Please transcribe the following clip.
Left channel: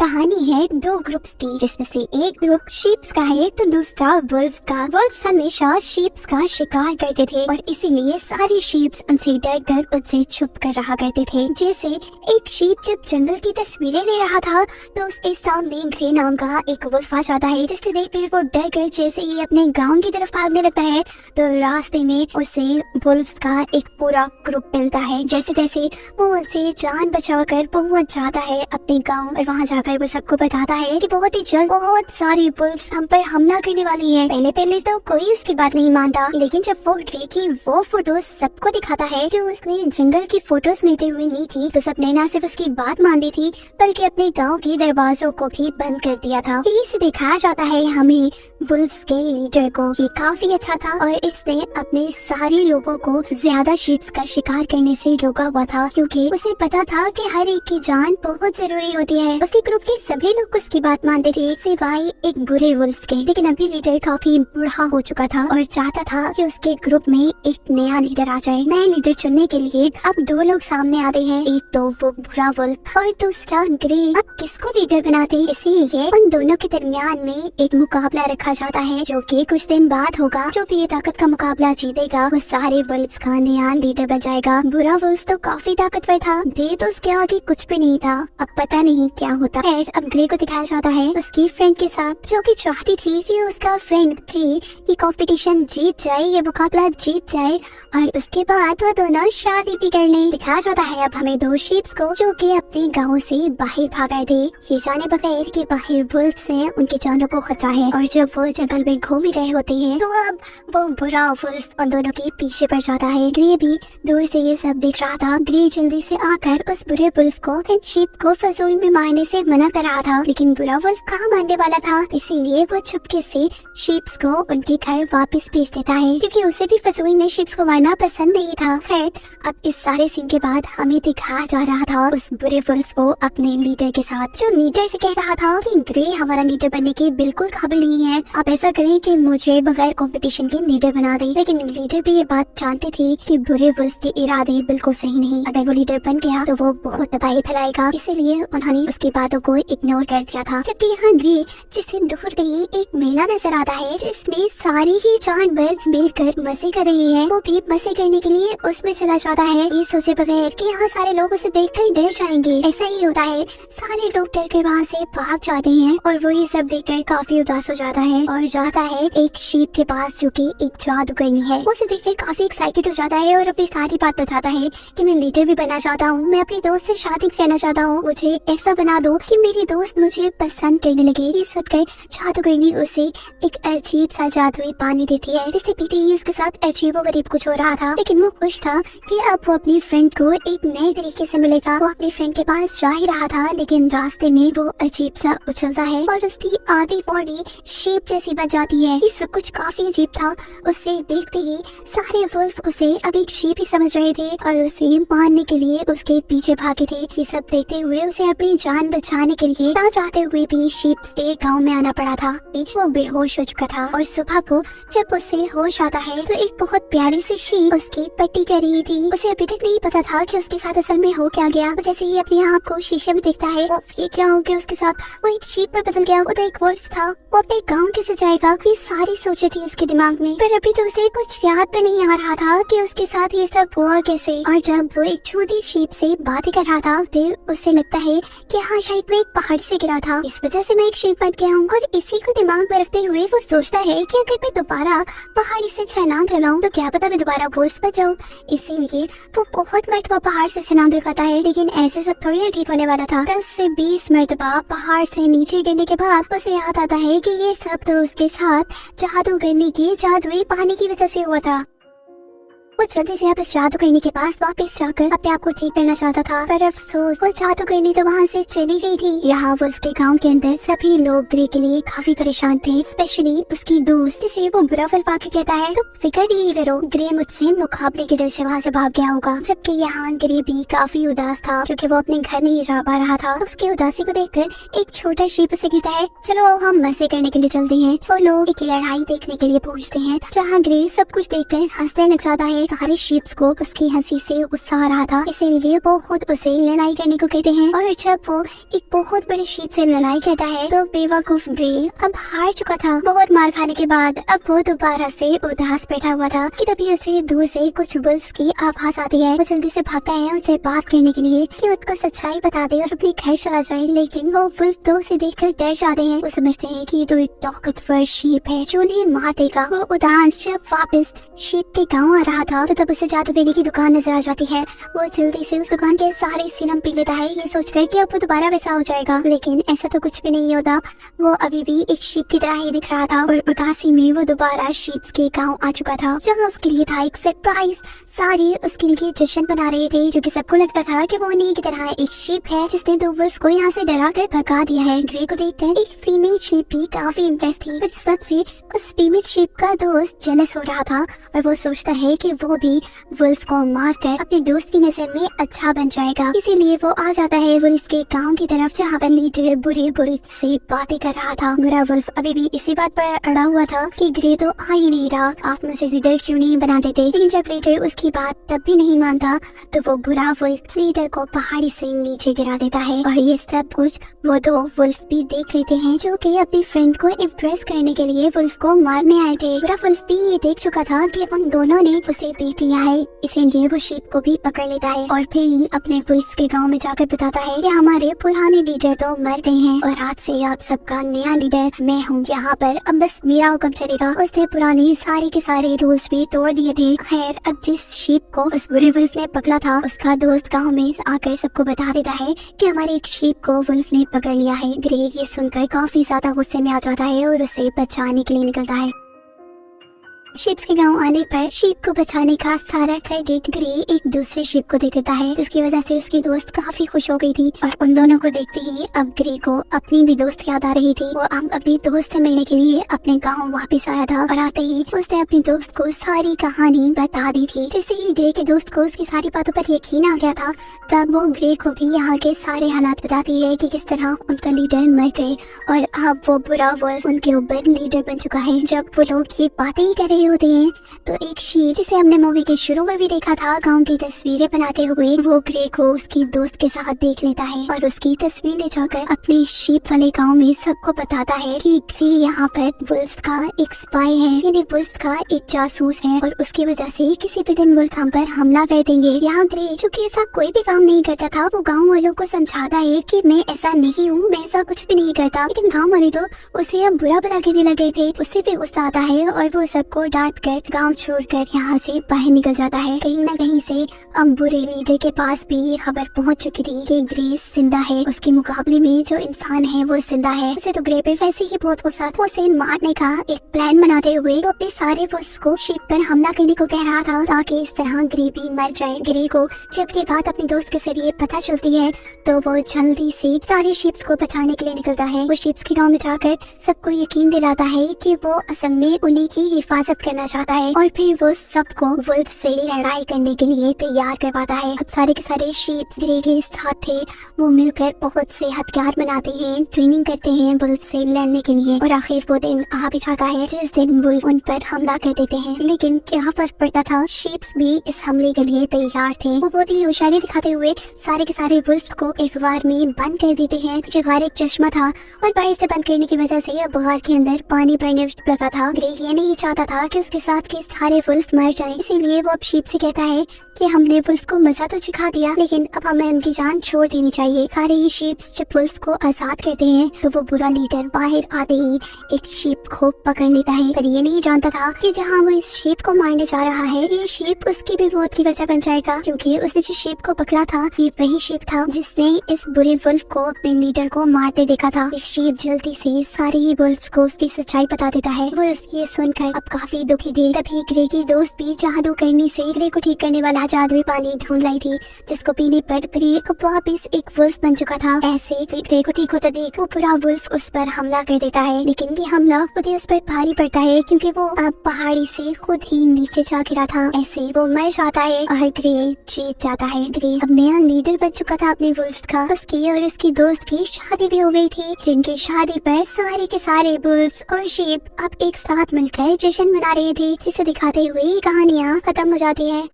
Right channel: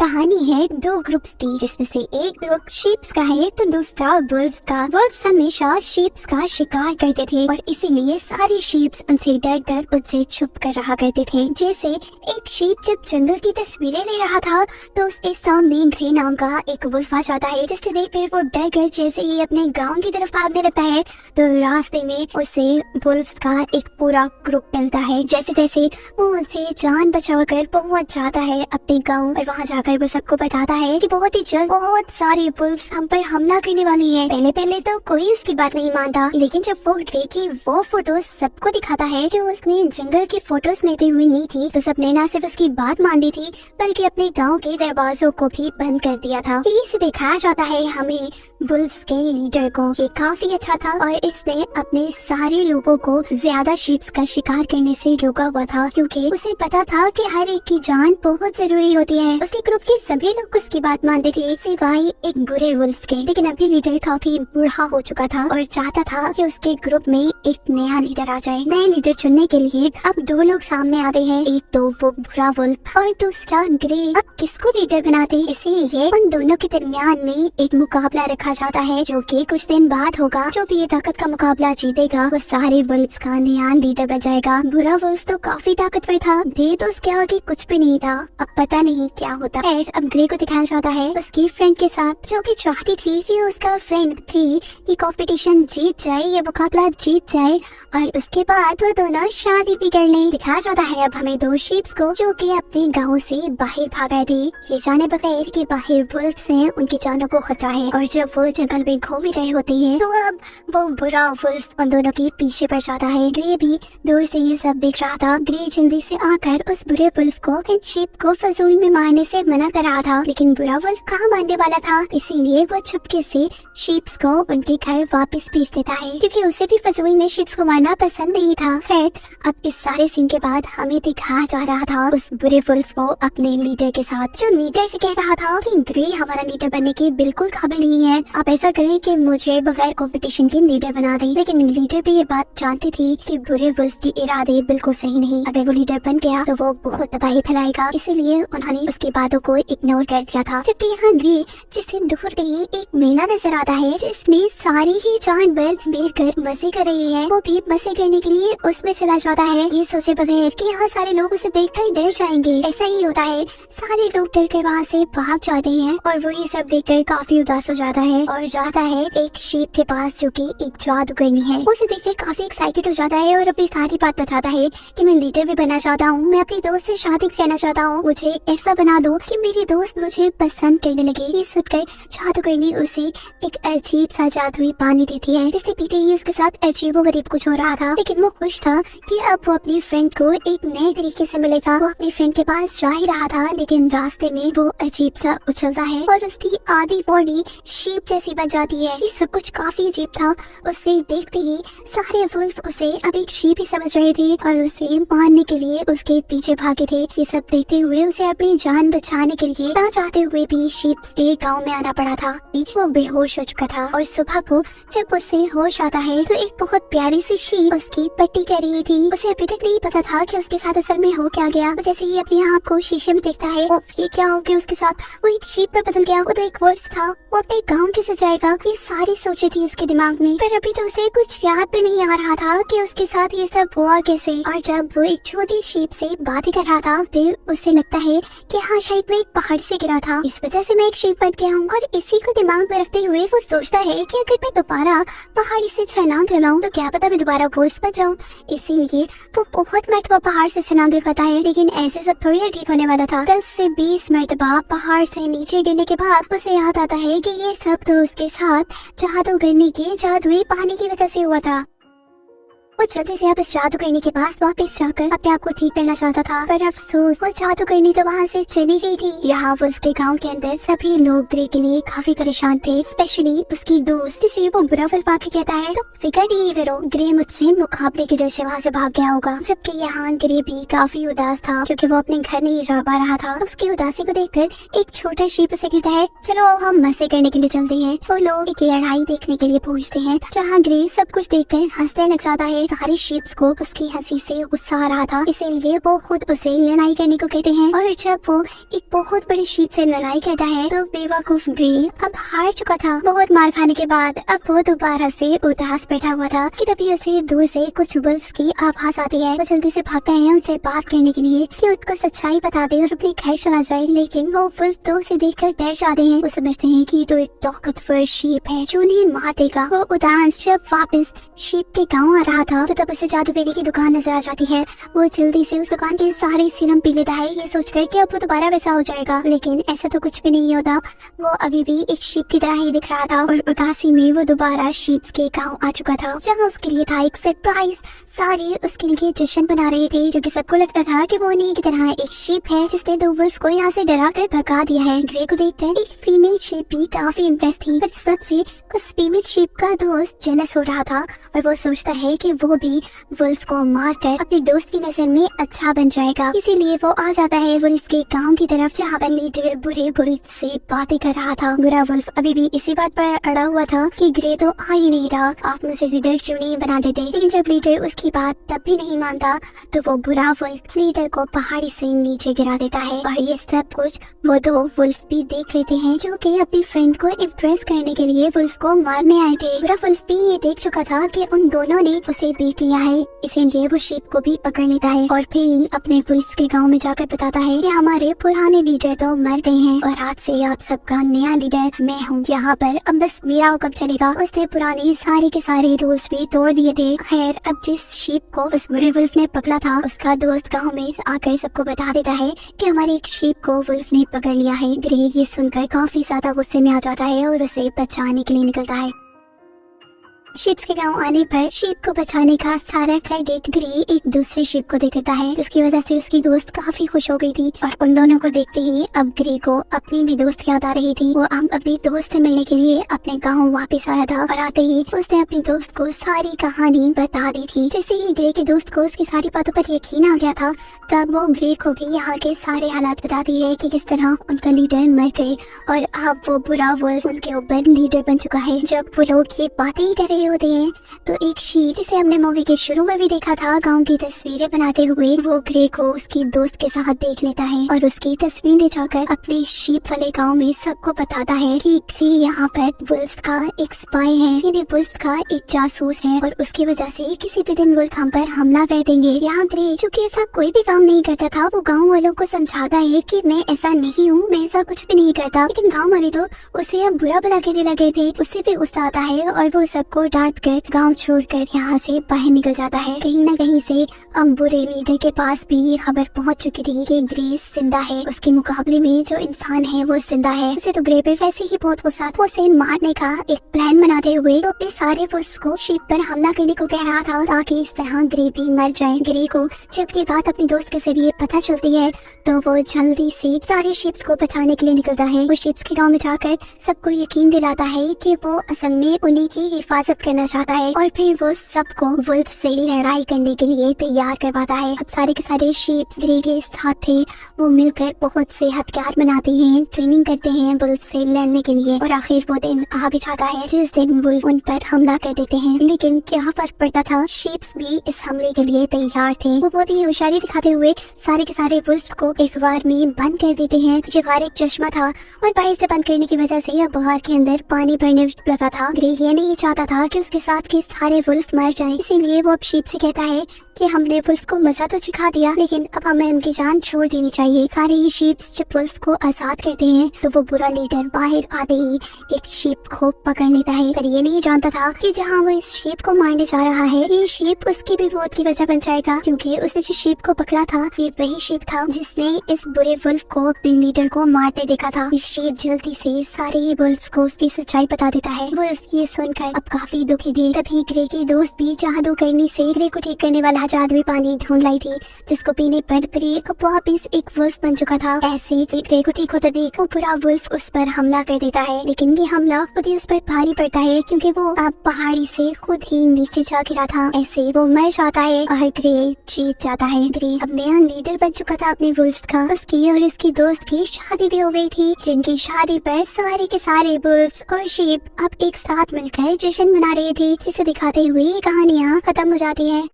कहानी है दो ग्रुप्स की, जिसमें से एक ग्रुप शीप्स का है तो दूसरा वुल्व्स का। वुल्व्स हमेशा शीप्स का शिकार करते थे और इसीलिए सारे शीप्स उनसे डर कर उनसे छुप कर रहा करते थे। जैसे एक शीप जब जंगल की तस्वीरें ले रहा था तो उसके सामने ग्रे नाम का एक वुल्फ आ जाता है, जिसे देखकर वो डर कर जैसे ही अपने गाँव की तरफ भागने लगता है तो रास्ते में उसे वुल्व्स का एक पूरा ग्रुप मिलता है। जैसे तैसे वो उनसे जान बचाकर पहुंच जाता है अपने गांव और वहां जाकर वो सबको बताता है कि बहुत ही जल्द बहुत सारी वुल्व्स हम पर हमला करने वाली हैं। पहले तो कोई उसकी बात नहीं मानता, लेकिन जब वो ग्रे की वो फोटोज सबको दिखाता है जो उसने जंगल की फोटोज लेते हुए ली थी, तो सबने न सिर्फ उसकी बात मान ली थी बल्कि अपने गाँव के दरवाजों को भी बंद कर दिया था। यही से दिखाया जाता है हमें वुल्व्स के लीडर को। ये काफी अच्छा था और इसने अपने सारे लोगों को ज्यादा शीप्स का शिकार करने से रोका हुआ था, क्योंकि उसे पता था कि हर एक की जान बहुत जरूरी होती है। उसके ग्रुप के सभी लोग उसकी बात मानते थे सिवाय एक बुरे वुल्फ के। लेकिन अभी लीडर काफी बूढ़ा हो चुका था और चाहता था कि उसके ग्रुप में एक नया लीडर आ जाए। नए लीडर चुनने के लिए अब दो लोग सामने आते हैं, एक तो वो बुरा वुल्फ और दूसरा ग्रे। अब किसको लीडर बनाते, इसीलिए उन दोनों के दरमियान में एक मुकाबला रखा जाता है जो कि कुछ दिन बाद होगा। जो भी ये ताकत का मुकाबला जीतेगा वो सारे वुल्व्स का नया लीडर बन जाएगा। बुरा वुल्फ तो काफी ताकतवर था, ग्रे तो उसके आगे कुछ भी नहीं था। अब पता नहीं क्या होता है। अब ग्रे को दिखाया जाता है उसके फ्रेंड के साथ, जो कि चाहती थी कि उसका फ्रेंड ग्रे ये कंपटीशन जीत जाए, ये मुकाबला जीत जाए और उसके बाद वो दोनों शादी भी कर लें। दिखाया जाता है अब हमें दो शीप्स को जो कि अपने गाँव से बाहर भाग आए थे, ये जाने बगैर कि बाहर वुल्व्स हैं, उनकी जानों को खतरा है। और जब वो जंगल में घूम ही रहे होते हैं तो अब वो बुरा वुल्फ उन दोनों के पीछे पड़ जाता है। ग्रे भी दूर से ये सब देख रहा था। ग्रे जल्दी से आकर उस बुरे वुल्फ को शीप को फजूल में मारने से मना कर रहा था, लेकिन बुरा वुल्फ कहाँ मारने वाला था, इसीलिए वो चुपके से शीप्स को उनके घर वापस भेज देता है, क्योंकि उसे भी फजूल में शीप्स को मारना पसंद नहीं था। खैर अब इस सारे सीन के बाद हमें दिखाया जा रहा था उस बुरे वुल्फ को अपने लीडर के साथ, जो लीडर से कह रहा था कि ग्रे हमारा लीडर बनने के बिल्कुल काबिल नहीं है, आप ऐसा करें कि मुझे बगैर कंपटीशन के लीडर बना दें। लेकिन लीडर भी ये बात जानते थे कि बुरे वुल्फ के इरादे बिल्कुल सही नहीं, अगर वो लीडर बन गया तो वो बहुत तबाही फैलाएगा, इसीलिए उन्होंने उसकी बातों को इग्नोर कर दिया था। जबकि यहाँ ग्रे जिससे दूर गई एक मेला नजर आता है जिसमें सारी ही जानवर मिलकर मजे कर रही है, वो भी मजे करने के लिए उसमें चला जाता है, ये सोचे बगैर कि यहाँ सारे लोग उसे देखकर डर जाएंगे। ऐसा ही होता है, सारे लोग डर कर वहाँ से भाग जाते हैं और वो ये सब देखकर काफी उदास हो जाता है और जाता है एक शीप के पास जो कि एक जादूगरनी है। उसे देखकर काफी एक्साइटेड हो जाता है और अपनी सारी बात बताता है कि मैं लीडर भी बनना चाहता हूँ, मैं अपनी दोस्त से शादी करना चाहता हूँ, मुझे ऐसा बना दो कि मेरी दोस्त मुझे पसंद करने लगे। ये सुनकर जादूगरनी उसे एक अजीब सा जादुई पानी देती है, जिसे पीते ही उसके साथ अजीब व गरीब कुछ हो रहा था। लेकिन वो खुश था कि अब वो अपनी फ्रेंड को एक नए तरीके से मिलेगा। वो अपनी फ्रेंड के पास जा ही रहा था, लेकिन रास्ते में वो अजीब सा उछलता है और उसकी आधी बॉडी शीप जैसी बन जाती है। ये सब कुछ काफी अजीब था। उसे देखते ही सारे वुल्फ उसे अब एक शीप ही समझ रहे थे और उसे मारने के लिए उसके पीछे भागे थे। ये सब देखते हुए उसे अपनी जान बचाने के लिए ना चाहते हुए भी शीप्स के गांव में आना पड़ा था। वो बेहोश हो चुका था और सुबह को जब उसे होश आता है तो एक बहुत प्यारी सी शीप उसकी पट्टी कर रही थी। उसे अभी तक नहीं पता था कि उसके साथ असल में हो क्या गया। तो जैसे ही अपने आप को शीशे में देखता है, ये क्या हो गया उसके साथ, वो एक शीप में बदल गया। वो तो एक वुल्फ था, वो अपने गाँव कैसे जाएगा, ये सारी सोचे थी उसके दिमाग में, पर अभी तो उसे कुछ याद भी नहीं आ रहा था कि उसके साथ ये सब हुआ कैसे। और जब वो एक छोटी शीप से बातें कर रहा था तो उसे लगता है कि हाँ शायद वो एक पहाड़ी से गिरा था, इस वजह से मैं एक शीप बन गया हूँ। और इसी को दिमाग में रखते हुए वो सोचता है कि अगर मैं दोबारा पहाड़ी से छलांग लगाऊं तो क्या पता मैं दोबारा वुल्फ बन जाऊं। इसीलिए वो बहुत मरतबा पहाड़ से छलांग लगाता है, लेकिन ऐसे सब थोड़ी ना ठीक होने वाला था। 10 से 20 मरतबा पहाड़ से नीचे गिरने के बाद उसे याद आता है कि ये सब तो उसके साथ जादूगरनी के जादुई पानी की वजह से हुआ था। वो जल्दी से अब इस जादूगरनी के पास वापस जाकर अपने आप को ठीक करना चाहता था, पर अफसोस वो जादूगरनी तो वहाँ से चली गई थी। यहाँ वुल्फ के गांव के अंदर सभी लोग ग्रे के लिए काफी परेशान थे, स्पेशली उसकी दोस्त जिसे वो बुरा वुल्फ आके कहता है तो फिक्र नहीं करो, ग्रे मुझसे मुकाबले के डर से वहाँ से भाग गया होगा। जबकि यहाँ ग्रे भी काफी उदास था क्योंकि वो अपने घर नहीं जा पा रहा था। उसकी उदासी को देखकर एक छोटा शीप उसे कहता है चलो हम मजे करने के लिए चलते हैं। वो लोग एक लड़ाई देखने के लिए पहुँचते हैं जहाँ ग्रे सब कुछ देखकर हंसने लग जाता है। सारे शीप्स को उसकी हंसी से गुस्सा आ रहा था, इसीलिए वो खुद उसे लड़ाई करने को कहते हैं। और जब वो एक बहुत बड़े शीप से लड़ाई करता है तो बेवकूफ ग्रे अब हार चुका था। बहुत मार खाने के बाद अब वो दोबारा से उदास बैठा हुआ था कि तभी उसे दूर से कुछ वुल्फ्स की आवाज आती है। वो जल्दी से भागता है उनसे बात करने के लिए कि उनको सच्चाई बता दे और अपने घर चला जाए, लेकिन वो वुल्फ तो उसे देखकर डर जाते हैं। वो समझते हैं कि तो एक ताकतवर शीप है जो उन्हें मार देगा। वो उदास जब वापस शीप के गाँव आ रहा था तो तब उसे जादूगरी की दुकान नजर आ जाती है। वो जल्दी से उस दुकान के सारे सीरम पी लेता है, ये सोचकर कि अब वो दोबारा वैसा हो जाएगा, लेकिन ऐसा तो कुछ भी नहीं होता। वो अभी भी एक शीप की तरह ही दिख रहा था और उदासी में वो दोबारा शीप्स के गांव आ चुका था, जहाँ उसके लिए था एक सरप्राइज। सारे उसके लिए जश्न मना रहे थे, क्योंकि सबको लगता था कि वो उन्हीं की तरह एक शीप है जिसने दो वुल्फ को यहाँ से डरा कर भगा दिया है। ग्रे को देखकर एक फीमेल शीप भी काफी इम्प्रेस थी, पर सबसे उस फीमेल शीप का दोस्त जेलस हो रहा था और वो सोचता है कि वो भी वुल्फ को मार कर अपने दोस्त की नजर में अच्छा बन जाएगा। इसीलिए वो आ जाता है वुल्फ के गांव की तरफ, जहाँ पर लीडर बुरे वुल्फ से बातें कर रहा था। बुरा वुल्फ अभी भी इसी बात पर अड़ा हुआ था कि ग्रे तो आ ही नहीं रहा, आप मुझे लीडर क्यों नहीं बना देते। लेकिन जब लीडर उसकी बात तब भी नहीं मानता तो वो बुरा वुल्फ लीडर को पहाड़ी से नीचे गिरा देता है। और ये सब कुछ वो दो वुल्फ भी देख लेते हैं, जो कि अपनी फ्रेंड को इम्प्रेस करने के लिए वुल्फ को मारने आए थे। बुरा वुल्फ भी ये देख चुका था कि उन दोनों ने उसे देख लिया है, इसीलिए वो शीप को भी पकड़ लेता है और फिर अपने वुल्फ के गांव में जाकर बताता है कि हमारे पुराने लीडर तो मर गए हैं और आज से आप सबका नया लीडर मैं हूँ, यहाँ पर अब बस मेरा हुक्म चलेगा। उसने पुराने सारे के सारे रूल्स भी तोड़ दिए थे। खैर अब जिस शीप को उस बुरे वुल्फ ने पकड़ा था उसका दोस्त गांव में आकर सबको बता देता है कि हमारे एक शीप को वुल्फ ने पकड़ लिया है। ग्रे ये सुनकर काफी ज्यादा गुस्से में आ जाता है और उसे बचाने के लिए निकलता है। शीप्स के गांव आने पर शीप को बचाने का सारा क्रेडिट ग्रे एक दूसरे शीप को दे देता है, जिसकी वजह से उसकी दोस्त काफी खुश हो गई थी। और उन दोनों को देखते ही अब ग्रे को अपनी भी दोस्त याद आ रही थी। वो अब अपनी दोस्त से मिलने के लिए अपने गांव वापस आया था और आते ही उसने अपनी दोस्त को सारी कहानी बता दी थी। जैसे ही ग्रे के दोस्त को उसकी सारी बातों पर यकीन आ गया था, तब वो ग्रे को भी यहाँ के सारे हालात बताती है कि किस तरह उनका लीडर मर गए और अब वो बुरा वुल्फ उनके ऊपर लीडर बन चुका है। जब वो लोग ये बातें ही कर रहे होते हैं तो एक शीप जिसे हमने मूवी के शुरू में भी देखा था गांव की तस्वीरें बनाते हुए, वो ग्रे को उसकी दोस्त के साथ देख लेता है और उसकी तस्वीर ले जाकर अपने शीप वाले गांव में सबको बताता है कि ग्रे यहाँ पर वुल्फ्स का एक स्पाई है, यानी वुल्फ्स का एक जासूस है और उसकी वजह से किसी भी दिन वुल्फ हम पर हमला कर देंगे। यहाँ ग्रे जो कि ऐसा कोई भी काम नहीं करता था, वो गाँव वालों को समझाता है कि मैं ऐसा नहीं हूँ, मैं ऐसा कुछ भी नहीं करता। लेकिन गाँव वाले तो उसे अब बुरा भला कहने लगे थे। उससे भी गुस्सा आता है और वो सबको डांट कर गांव छोड़कर यहाँ से बाहर निकल जाता है। कहीं न कहीं से अब बुरे लीडर के पास भी ये खबर पहुँच चुकी थी कि ग्रे जिंदा है, उसके मुकाबले में जो इंसान है वो जिंदा है। उसे तो ग्रे पे वैसे ही बहुत गुस्सा था। उसे मारने का एक प्लान बनाते हुए तो अपने सारे वुल्फ्स को शीप पर हमला करने को कह रहा था, ताकि इस तरह ग्रे भी मर जाए। ग्रे को जब ये बात अपने दोस्त के जरिए पता चलती है तो वो जल्दी से सारे शीप्स को बचाने के लिए निकलता है। वो शीप्स के गाँव में जाकर सबको यकीन दिलाता है कि वो असल में उन्हीं की हिफाजत करना चाहता है और फिर वो सबको वुल्फ से लड़ाई करने के लिए तैयार करवाता है। अब सारे के सारे शीप्स ग्रे के साथ थे, वो मिलकर बहुत से हथियार बनाते हैं, ट्रेनिंग करते हैं वुल्फ से लड़ने के लिए और आखिर वो दिन आ भी जाता है जिस दिन वुल्फ उन पर हमला कर देते हैं। लेकिन क्या फर्क पड़ता था, शीप्स भी इस हमले के लिए तैयार थे। वो बहुत ही होशियारी दिखाते हुए सारे के सारे वुल्फ्स को एक गार में बंद कर देते हैं। ये गार एक चश्मा था और बाहर से बंद करने की वजह से अब गार के अंदर पानी भरने लगा था। ग्रे ये नहीं चाहता था कि उसके साथ के सारे वुल्फ मर जाएं, इसीलिए वो अब शीप से कहता है कि हमने वुल्फ को मजा तो सिखा दिया, लेकिन अब हमें उनकी जान छोड़ देनी चाहिए। सारे ही शीप्स जब वुल्फ को आजाद करते हैं तो वो बुरा लीडर बाहर आते ही एक शीप को पकड़ लेता है, पर ये नहीं जानता था कि जहाँ वो इस शीप को मारने जा रहा है, ये शीप उसकी भी मौत की वजह बन जाएगा, क्योंकि उसने जिस शीप को पकड़ा था ये वही शीप था जिसने इस बुरे वुल्फ को अपने लीडर को मारते देखा था। इस शीप जल्दी से सारे ही वुल्फ्स को उसकी सच्चाई बता देता है। वुल्फ ये सुनकर अब काफी दुखी थी। तभी ग्रे की दोस्त भी जादू करने से ग्रे को ठीक करने वाला जादुई पानी ढूंढ लाई थी, जिसको पीने पर ग्रे अब वापिस एक वुल्फ बन चुका था। ऐसे ग्रे को ठीक होता देख वो पूरा वुल्फ उस पर हमला कर देता है, लेकिन ये हमला खुद ही उस पर भारी पड़ता है क्योंकि वो अब पहाड़ी से खुद ही नीचे जा गिरा था। ऐसे वो मर जाता है और ग्रे जीत जाता है। ग्रे अब नया लीडर बन चुका था अपने वुल्फ्स का। उसकी और उसकी दोस्त की शादी भी हो गई थी, जिनकी शादी पर सारे के सारे वुल्फ्स और शीप अब एक साथ मिलकर जश्न मना आ रही थी, जिसे दिखाते हुए कहानियाँ खत्म हो जाती है।